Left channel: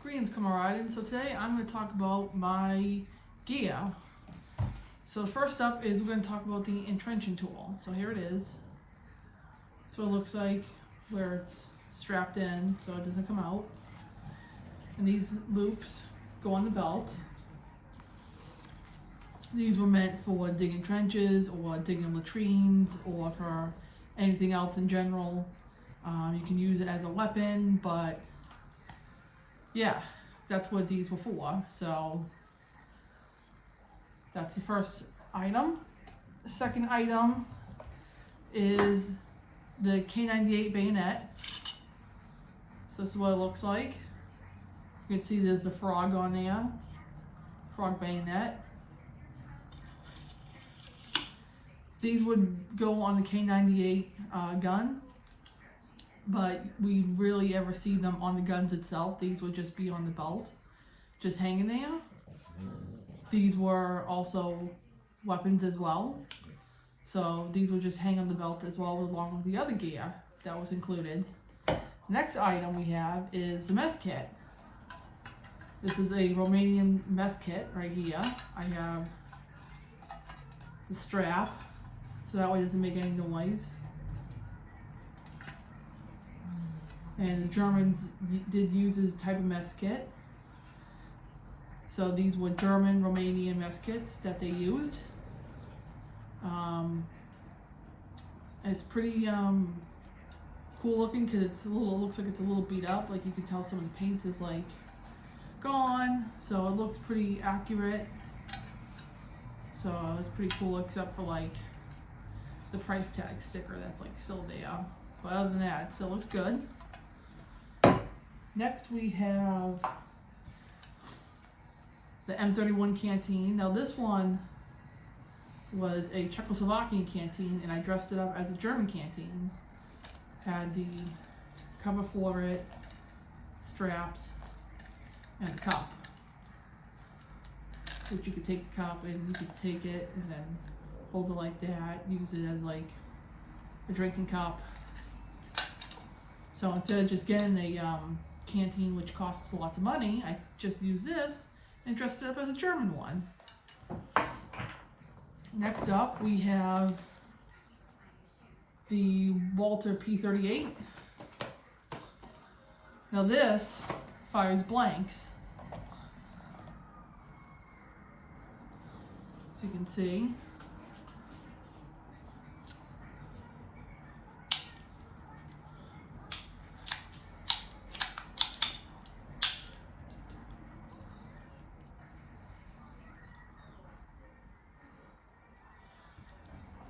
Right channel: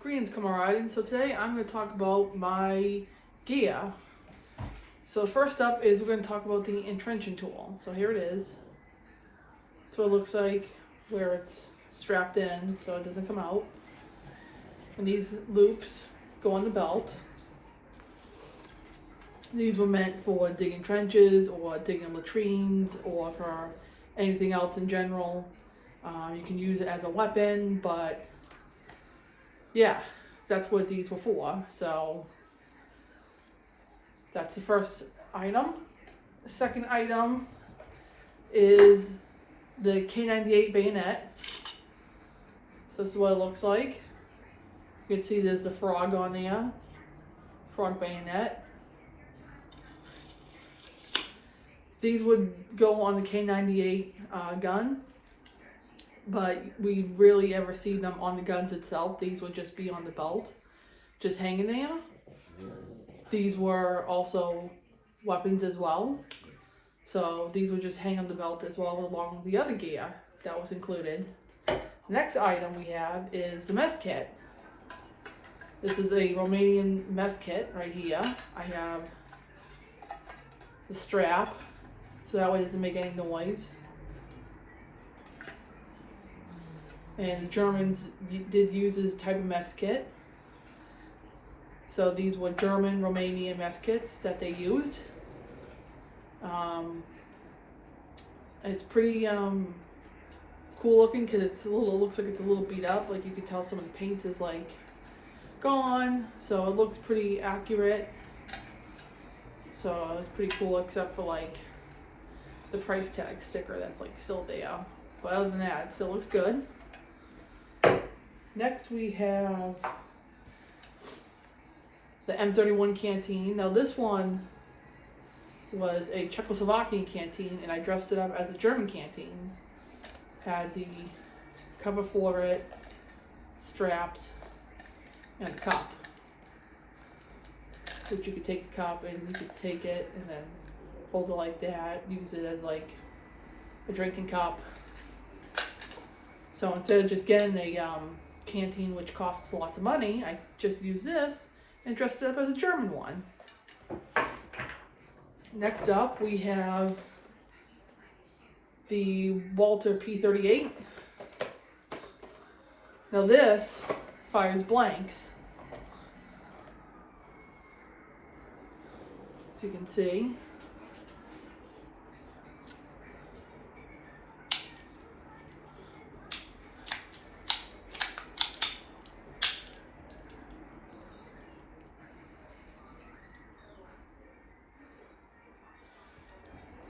Greetings, camaraden. So today I'm going to talk about my gear. So first up is we're going to talk about the entrenching tool. So here it is. That's what it looks like where it's strapped in so it doesn't come out. And these loops go on the belt. These were meant for digging trenches or digging latrines or for anything else in general. You can use it as a weapon, but yeah, that's what these were for. So that's the first item. The second item is the K98 bayonet. So this is what it looks like. You can see there's a frog on there, frog bayonet. These would go on the K98 gun, but we rarely ever see them on the guns itself. These would just be on the belt, just hanging there. These were also weapons as well. So these would just hang on the belt as well, along with the other gear that was included. Next item we have is the mess kit. This is a Romanian mess kit right here. I have the strap, so that way it doesn't make any noise. And the Germans did use this type of mess kit. So these were German, Romanian mess kits that they used. It's pretty cool looking because it looks like it's a little beat up. Like you can tell some of the paint is like gone. So it looks pretty accurate. So it's pretty cool except for like the price tag sticker that's like still there. But other than that, it still looks good. Next we have the M31 canteen. Now this one was a Czechoslovakian canteen and I dressed it up as a German canteen. Had the cover for it, straps, and the cup. Which you could take the cup and you could take it and then hold it like that, use it as like a drinking cup. So instead of just getting a canteen which costs lots of money, I just used this and dressed it up as a German one. Next up we have the Walter P38. Now this fires blanks. So you can see.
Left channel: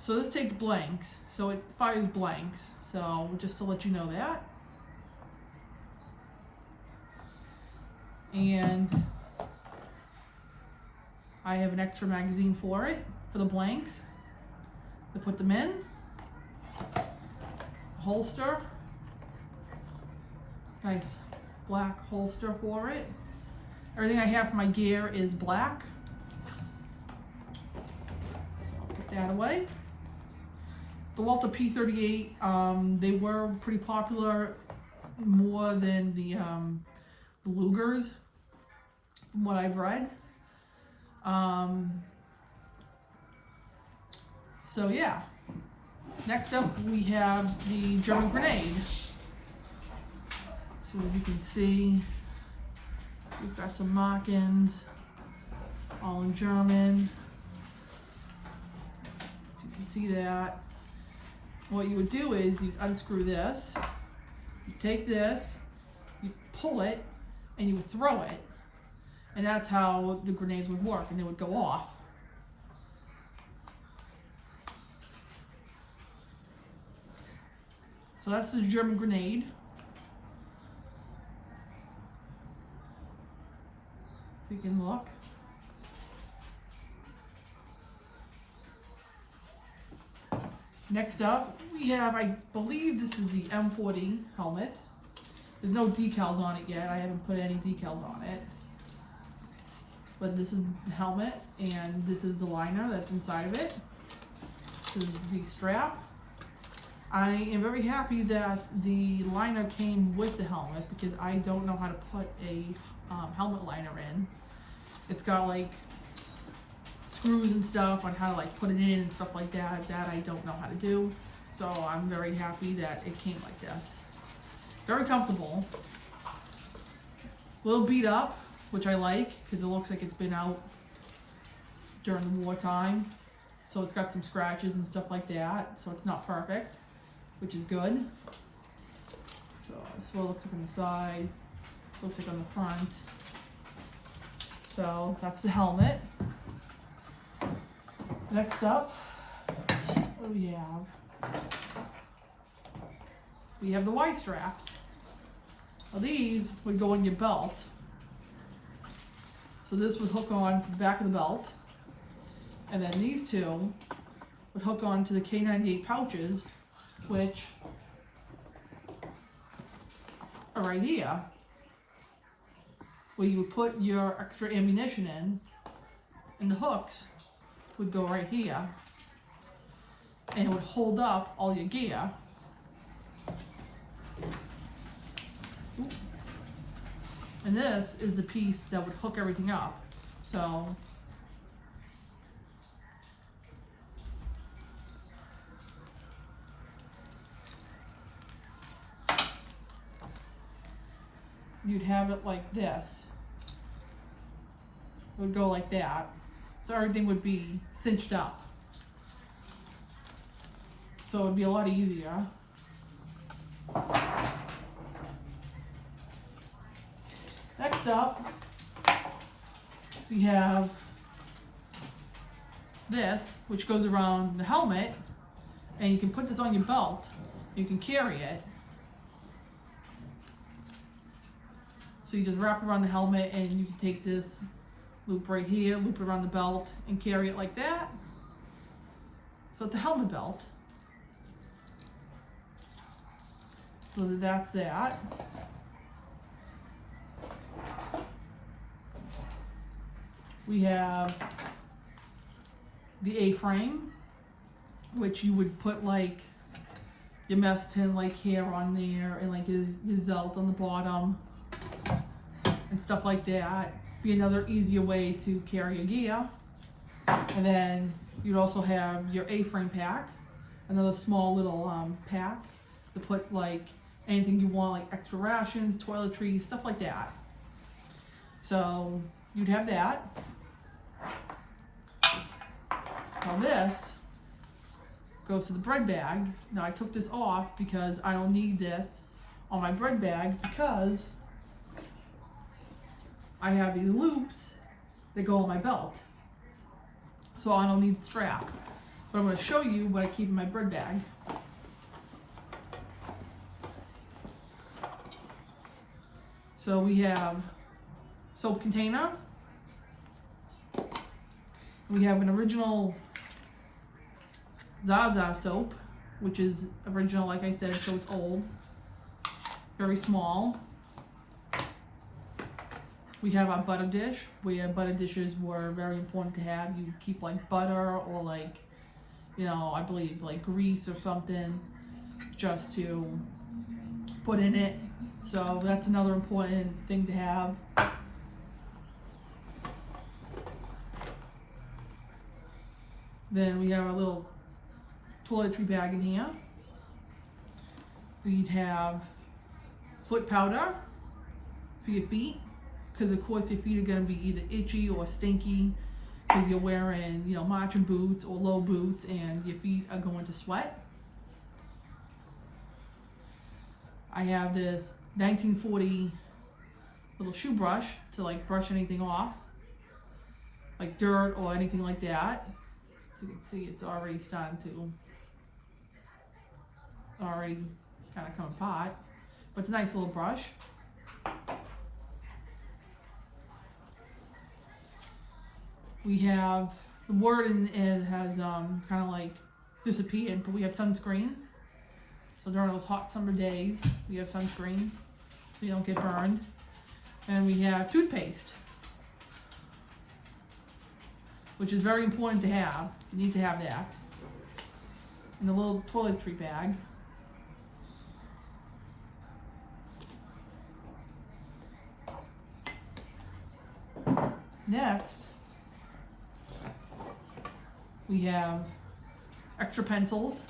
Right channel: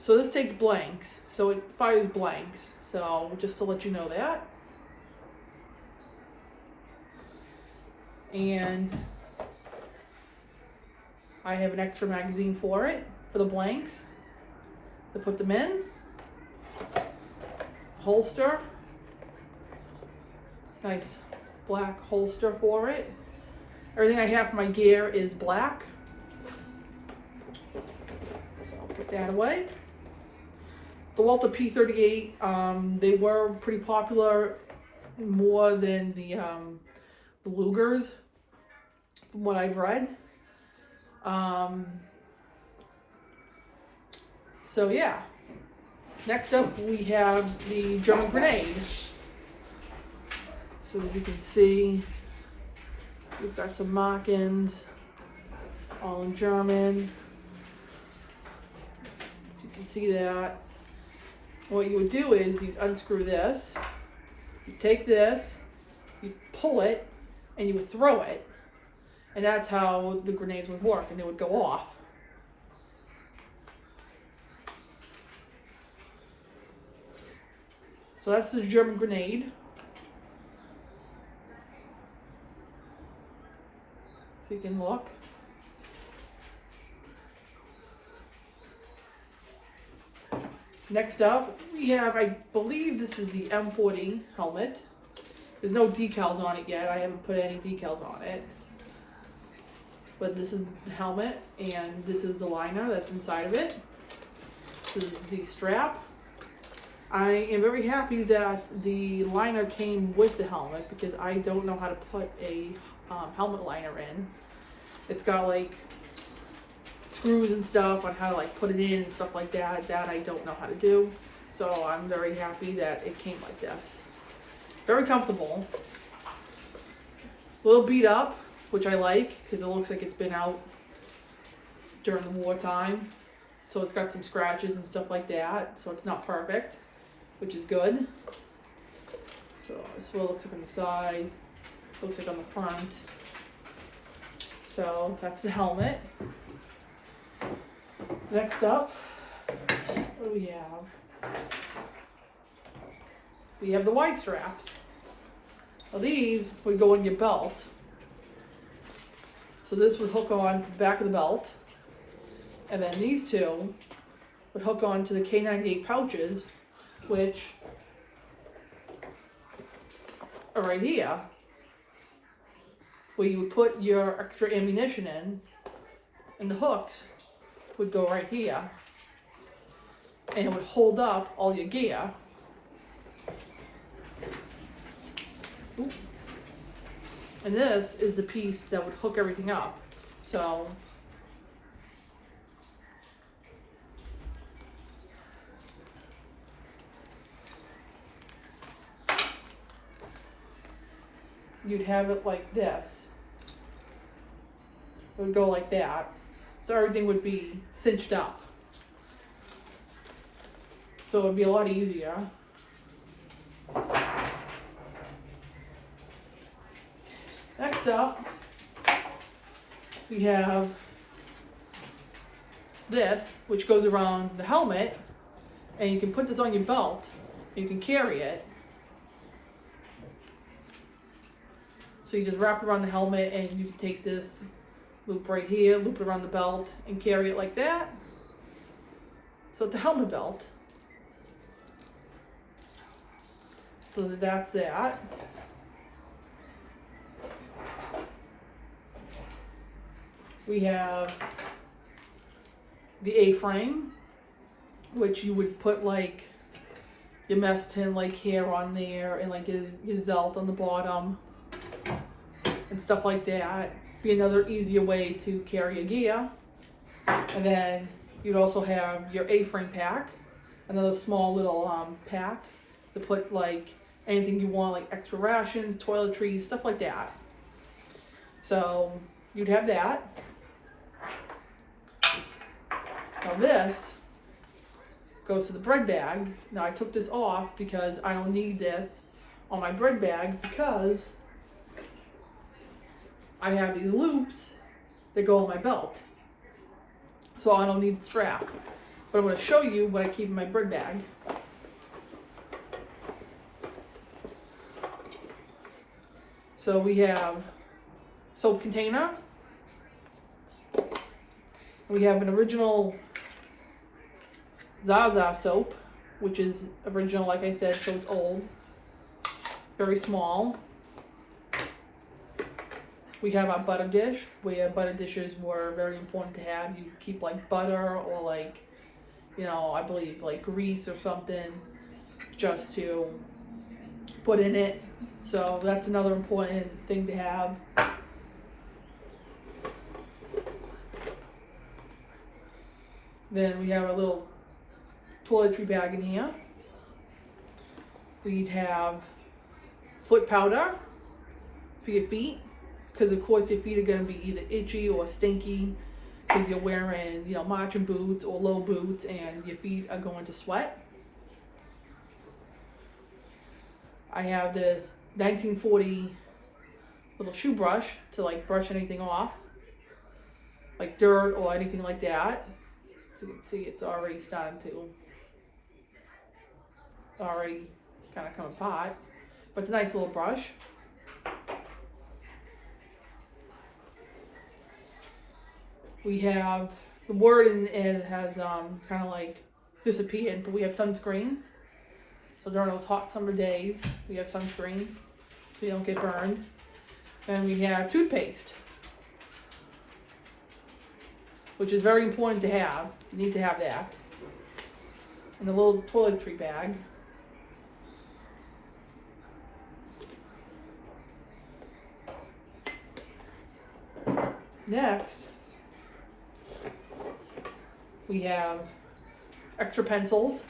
So this takes blanks, so it fires blanks. So just to let you know that. And I have an extra magazine for it, for the blanks, to put them in. Holster. Nice black holster for it. Everything I have for my gear is black. So I'll put that away. The Walter P38, they were pretty popular more than the Lugers, from what I've read. So yeah. Next up we have the German grenade. So as you can see, we've got some markings, all in German. If you can see that. What you would do is you unscrew this, you take this, you pull it, and you would throw it. And that's how the grenades would work, and they would go off. So that's the German grenade. If you can look. Next up, we have, I believe this is the M40 helmet. There's no decals on it yet. I haven't put any decals on it. But this is the helmet, and this is the liner that's inside of it. This is the strap. I am very happy that the liner came with the helmet because I don't know how to put a helmet liner in. It's got like screws and stuff on how to like put it in and stuff like that I don't know how to do. So I'm very happy that it came like this. Very comfortable. A little beat up, which I like because it looks like it's been out during the wartime. So it's got some scratches and stuff like that. So it's not perfect, which is good. So this is what it looks like on the side. Looks like on the front. So that's the helmet. Next up, what do we have? We have the wide straps. Now these would go in your belt. So this would hook on to the back of the belt. And then these two would hook on to the K98 pouches, which are right here, where you would put your extra ammunition in, and the hooks would go right here, and it would hold up all your gear. Ooh. And this is the piece that would hook everything up. So you'd have it like this. It would go like that. So everything would be cinched up. So it would be a lot easier. Next up, we have this, which goes around the helmet, and you can put this on your belt, and you can carry it. So you just wrap it around the helmet, and you can take this loop right here, loop it around the belt, and carry it like that. So it's a helmet belt. So that's that. We have the A-frame, which you would put like your mess tin like here on there, and like your zelt on the bottom and stuff like that. Be another easier way to carry your gear. And then you'd also have your A-frame pack, another small little pack to put like anything you want, like extra rations, toiletries, stuff like that. So you'd have that. Now this goes to the bread bag. Now I took this off because I don't need this on my bread bag because I have these loops that go on my belt. So I don't need the strap. But I'm going to show you what I keep in my bread bag. So we have soap container. We have an original Zaza soap, which is original, like I said, so it's old. Very small. We have our butter dish, where butter dishes were very important to have. You keep like butter or like, you know, I believe like grease or something just to put in it. So that's another important thing to have. Then we have our little toiletry bag in here. We'd have foot powder for your feet, because of course your feet are going to be either itchy or stinky because you're wearing, you know, marching boots or low boots, and your feet are going to sweat. I have this 1940 little shoe brush to like brush anything off, like dirt or anything like that. So you can see it's already starting to kind of come apart, but it's a nice little brush. We have the word in it has kind of like disappeared, but we have sunscreen. So during those hot summer days, we have sunscreen so you don't get burned. And we have toothpaste, which is very important to have. You need to have that. And a little toiletry bag. Next, we have extra pencils.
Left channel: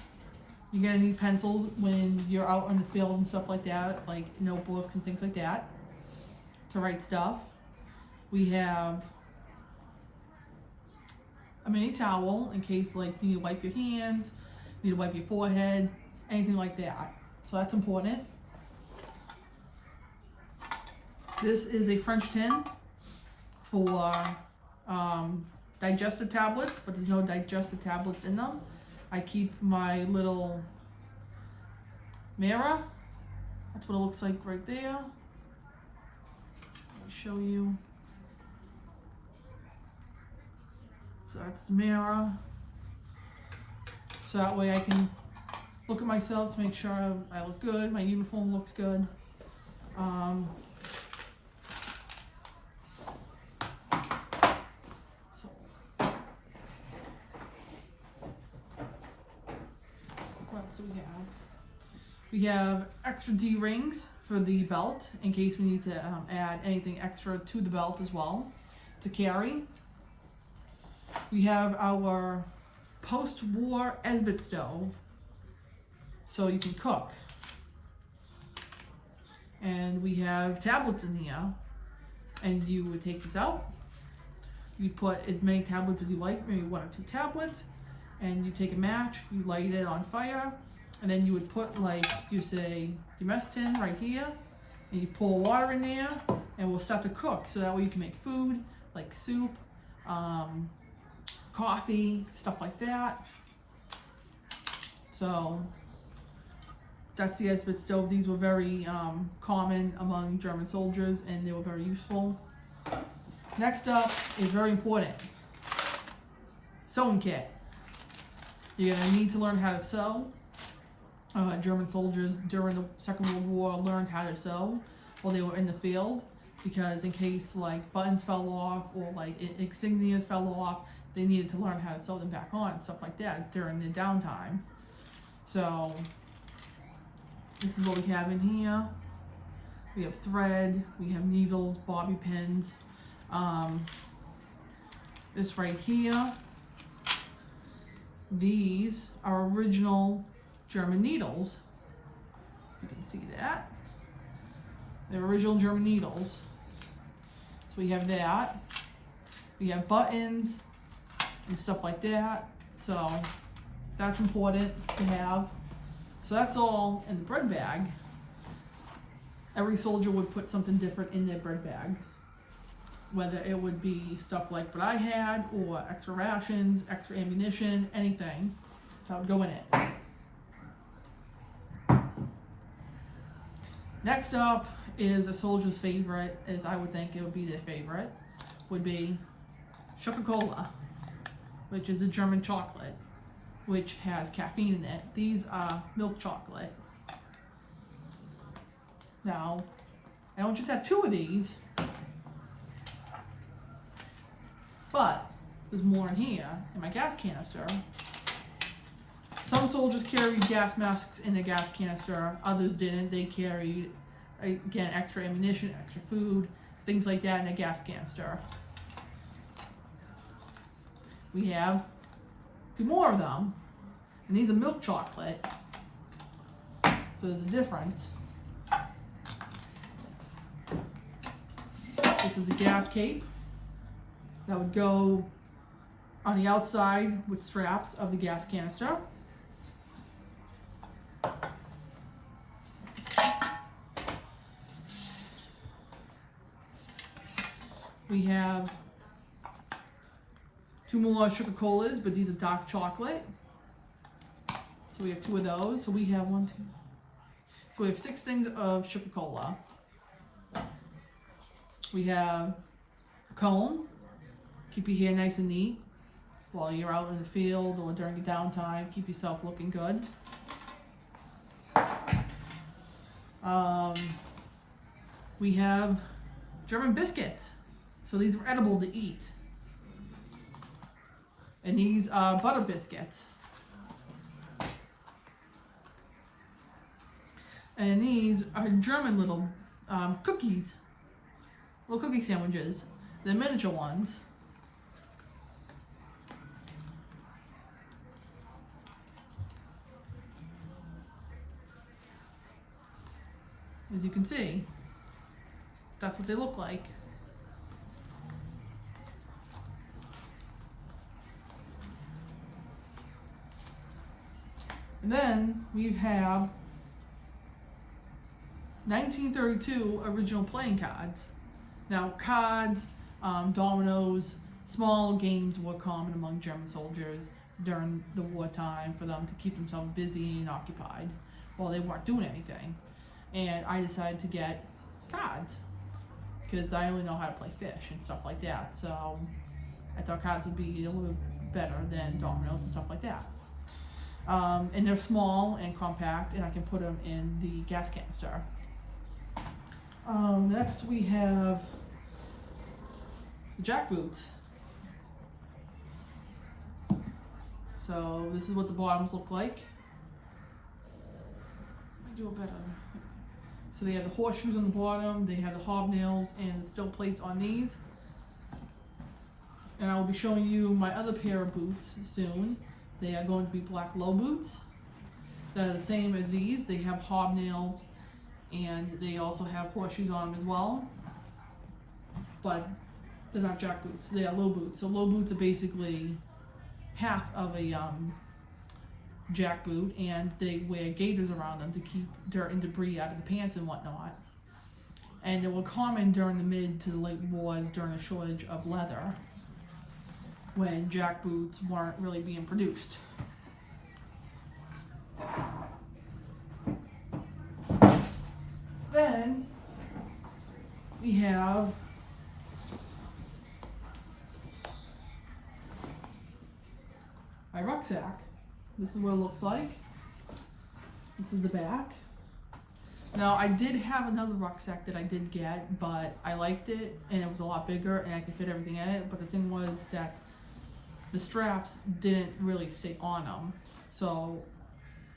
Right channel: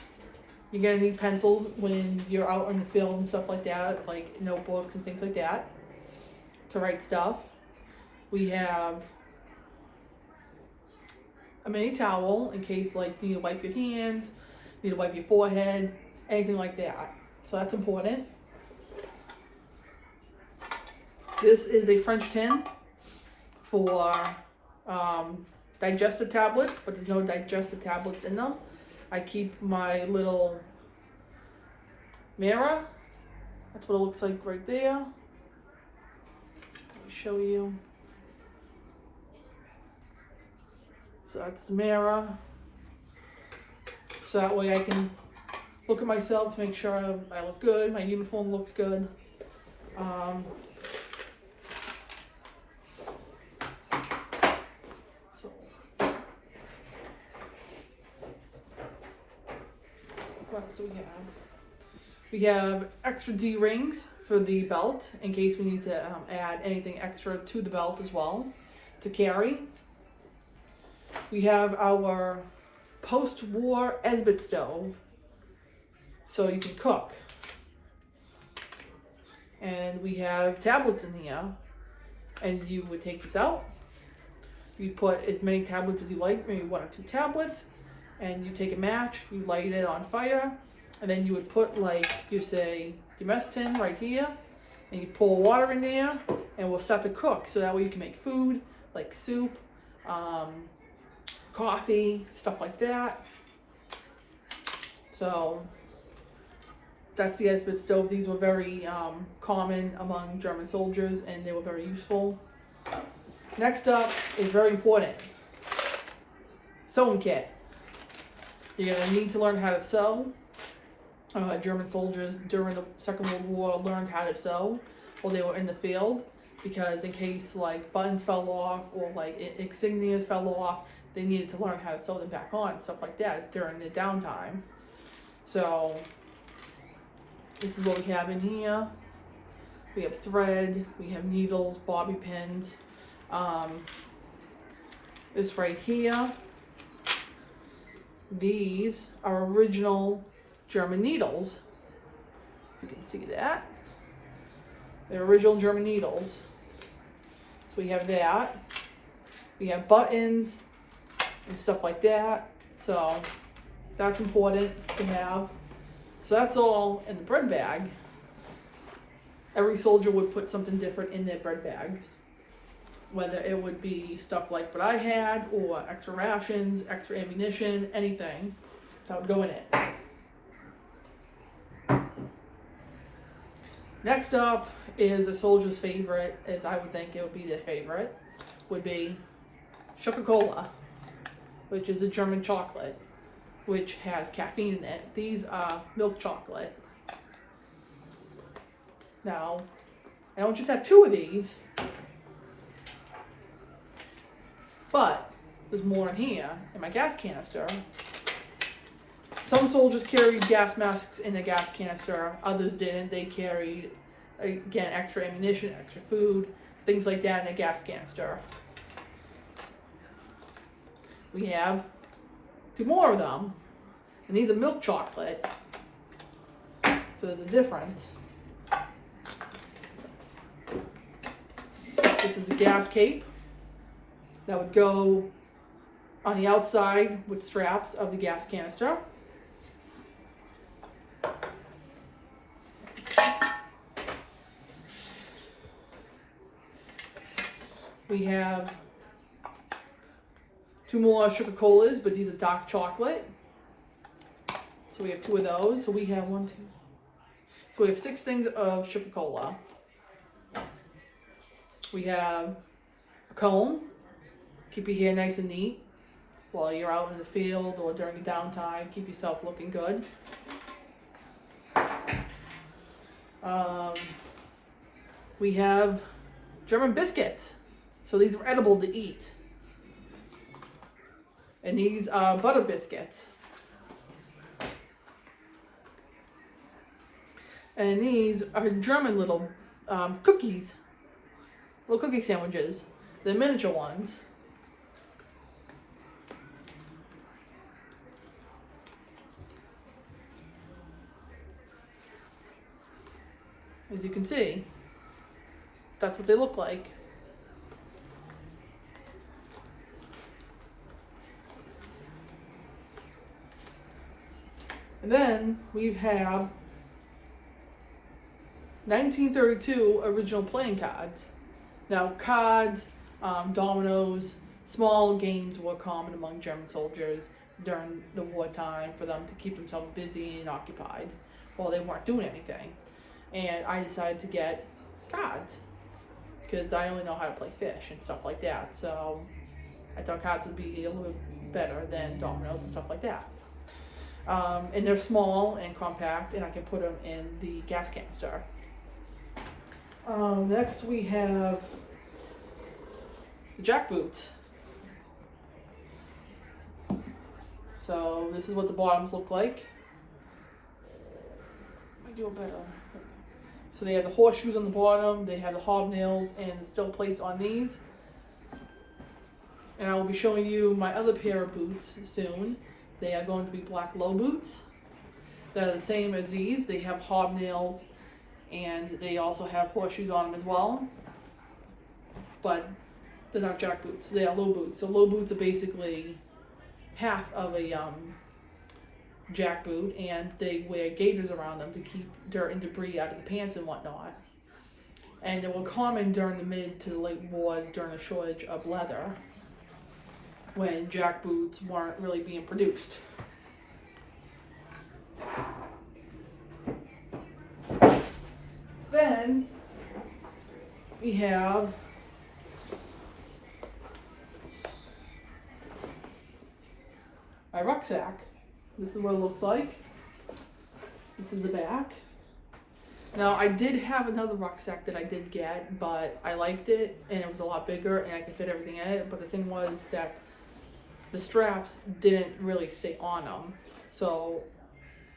You're gonna need pencils when you're out in the field and stuff like that, like notebooks and things like that, to write stuff. We have a mini towel in case like you need to wipe your hands, you need to wipe your forehead, anything like that. So that's important. This is a French tin for digestive tablets, but there's no digestive tablets in them. I keep my little mirror. That's what it looks like right there. Let me show you. So that's the mirror. So that way I can look at myself to make sure I look good, my uniform looks good. What else do we have? We have extra D rings for the belt in case we need to add anything extra to the belt as well to carry. We have our post-war Esbit stove, so you can cook. And we have tablets in here, and you would take this out. You put as many tablets as you like, maybe 1 or 2 tablets, and you take a match, you light it on fire, and then you would put, like, you say your mess tin right here, and you pour water in there, and we'll start to cook. So that way you can make food, like soup, coffee, stuff like that. So that's the Esbit stove. These were very common among German soldiers, and they were very useful. Next up is very important, sewing kit. You're gonna need to learn how to sew. German soldiers during the Second World War learned how to sew while they were in the field, because in case like buttons fell off or like insignias fell off, they needed to learn how to sew them back on, stuff like that during the downtime. So this is what we have in here. We have thread, we have needles, bobby pins. This right here, these are original German needles. You can see that. They're original German needles. So we have that. We have buttons and stuff like that. So that's important to have. So that's all in the bread bag. Every soldier would put something different in their bread bags, whether it would be stuff like what I had, or extra rations, extra ammunition, anything that would go in it. Next up is a soldier's favorite, as I would think it would be their favorite, would be Coca-Cola, which is a German chocolate, which has caffeine in it. These are milk chocolate. Now, I don't just have 2 of these, but there's more in here in my gas canister. Some soldiers carried gas masks in a gas canister, others didn't. They carried, again, extra ammunition, extra food, things like that in a gas canister. We have 2 more of them, and these are milk chocolate, so there's a difference. This is a gas cape that would go on the outside with straps of the gas canister. We have 2 more Coca-Colas, but these are dark chocolate. So we have 2 of those. So we have 1, 2. So we have 6 things of Coca-Cola. We have a comb, keep your hair nice and neat while you're out in the field or during your downtime, keep yourself looking good. We have German biscuits. So these are edible to eat. And these are butter biscuits. And these are German little cookies, little cookie sandwiches. the miniature ones. As you can see, that's what they look like. And then we have 1932 original playing cards. Now, cards, dominoes, small games were common among German soldiers during the wartime for them to keep themselves busy and occupied while they weren't doing anything. And I decided to get cards because I only know how to play fish and stuff like that. So I thought cards would be a little bit better than dominoes and stuff like that. And they're small and compact, and I can put them in the gas canister. Next we have the jackboots. So this is what the bottoms look like. I do it better. So they have the horseshoes on the bottom, they have the hobnails and the steel plates on these. And I will be showing you my other pair of boots soon. They are going to be black low boots that are the same as these. They have hobnails and they also have horseshoes on them as well. But they're not jack boots, they are low boots. So low boots are basically half of a jack boot, and they wear gaiters around them to keep dirt and debris out of the pants and whatnot. And they were common during the mid to the late wars during a shortage of leather, when jack boots weren't really being produced. Then we have my rucksack. This is what it looks like. This is the back. Now, I did have another rucksack that I did get, but I liked it and it was a lot bigger and I could fit everything in it. But the thing was that the straps didn't really stay on them. So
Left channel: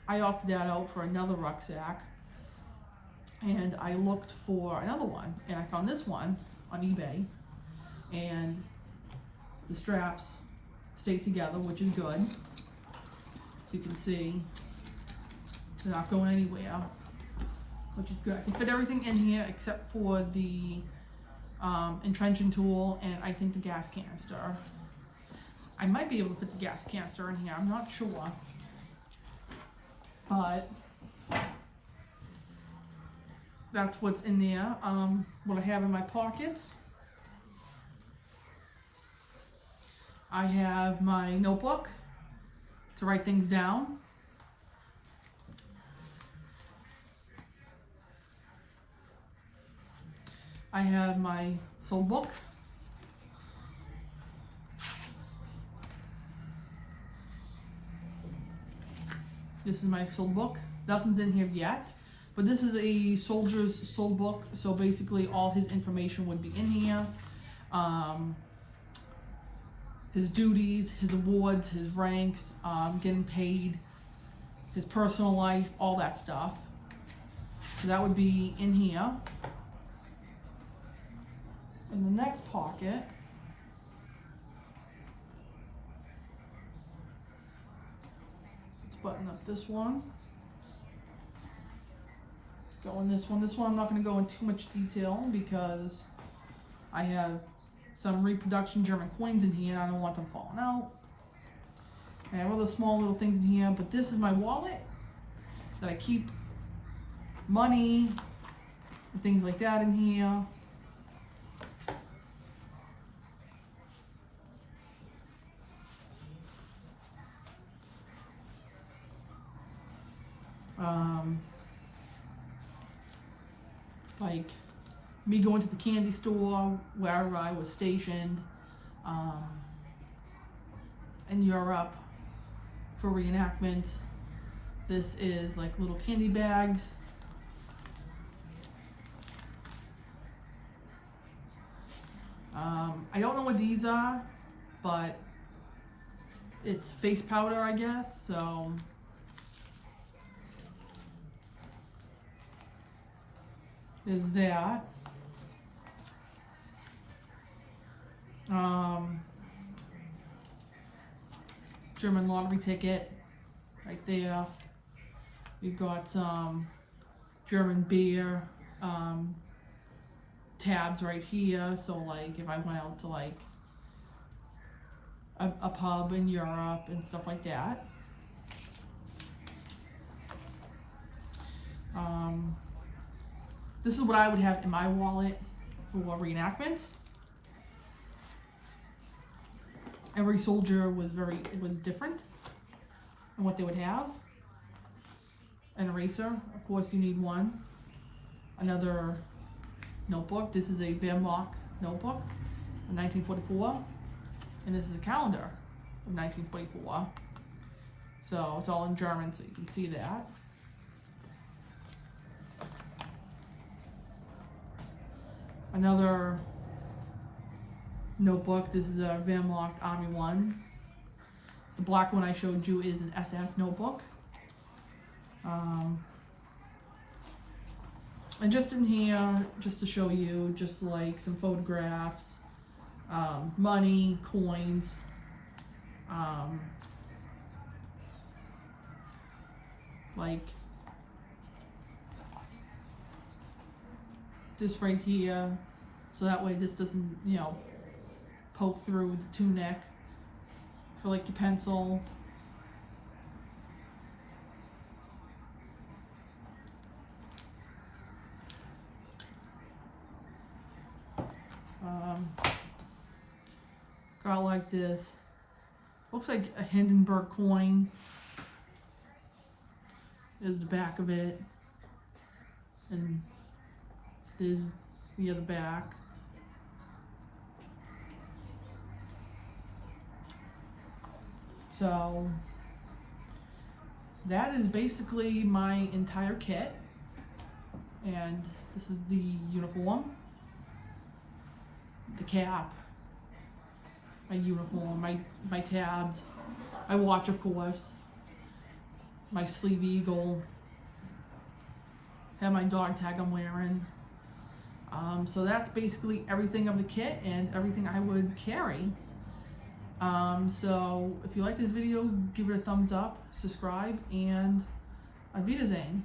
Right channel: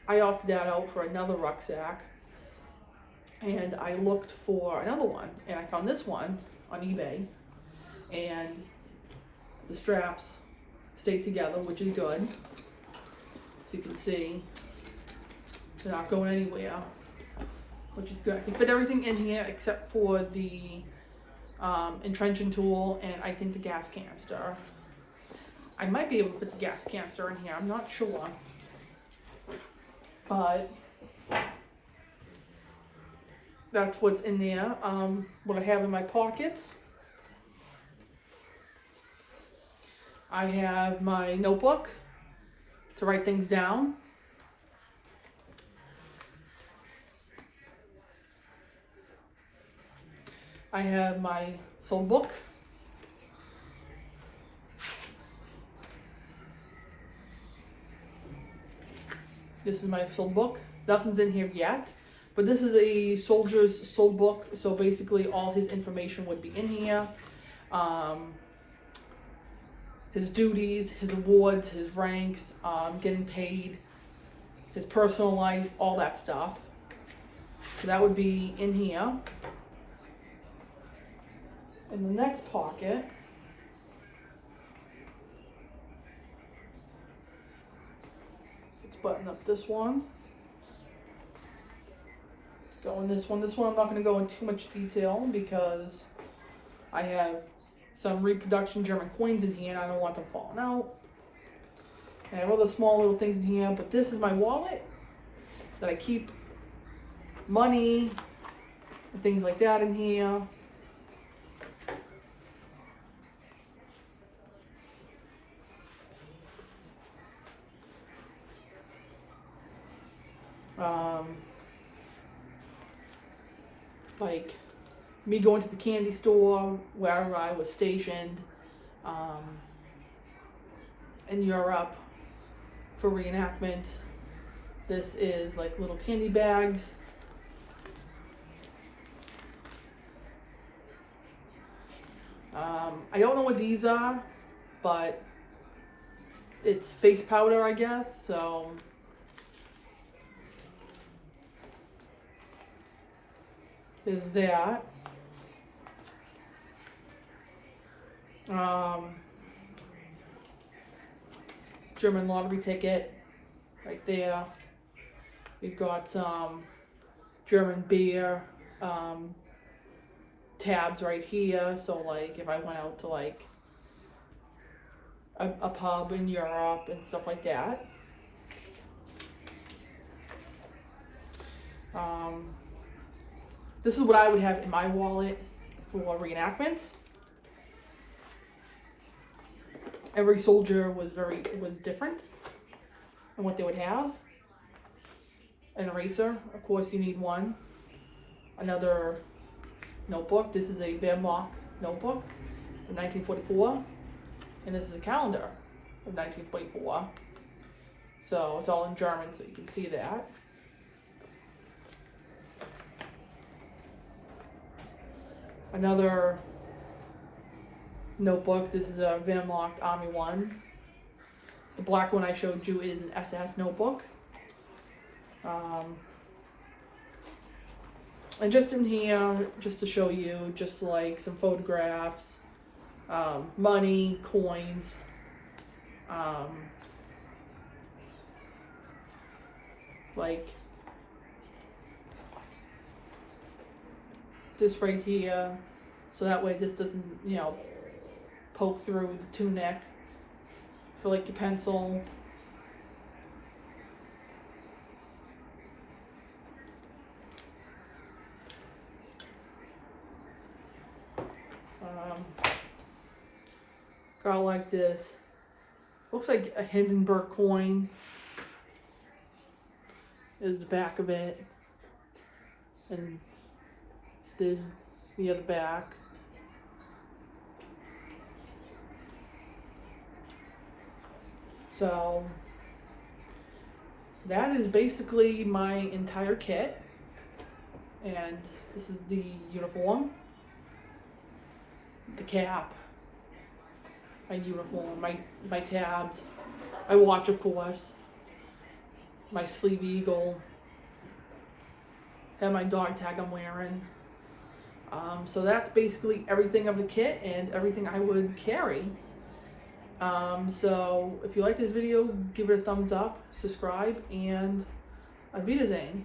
I opted that out for another rucksack, and I looked for another one and I found this one on eBay, and the straps stayed together, which is good. As you can see, they're not going anywhere, which is good. I can fit everything in here except for the entrenching tool and I think the gas canister. I might be able to fit the gas canister in here, I'm not sure. But that's what's in there. What I have in my pockets, I have my notebook to write things down. I have my soul book. This is my soul book. Nothing's in here yet, but this is a soldier's soul book. So basically all his information would be in here. His duties, his awards, his ranks, getting paid, his personal life, all that stuff. So that would be in here. In the next pocket, let's button up this one. Go in this one. This one I'm not going to go in too much detail because I have some reproduction German coins in here and I don't want them falling out. I have other small little things in here, but this is my wallet that I keep money and things like that in here. Like me going to the candy store where I was stationed in Europe for reenactment. This is like little candy bags. I don't know what these are, but it's face powder, I guess, so there's that. German lottery ticket right there. We've got some German beer tabs right here. So like if I went out to like a pub in Europe and stuff like that. This is what I would have in my wallet for reenactment. Every soldier was different in what they would have. An eraser, of course you need one. Another notebook. This is a Wehrmacht notebook from 1944. And this is a calendar of 1944. So it's all in German, so you can see that. Another notebook. This is a Wehrmacht Army 1. The black one I showed you is an SS notebook. And just in here, just to show you, just like some photographs, money, coins, like this right here, so that way this doesn't, you know, poke through the tunic for like your pencil. Got like this, looks like a Hindenburg coin is the back of it, and there's the other back. So that is basically my entire kit, and this is the uniform, the cap, my uniform, my tabs, my watch of course, my sleeve eagle, have my dog tag I'm wearing. So that's basically everything of the kit and everything I would carry. So if you like this video, give it a thumbs up, subscribe, and Auf Wiedersehen.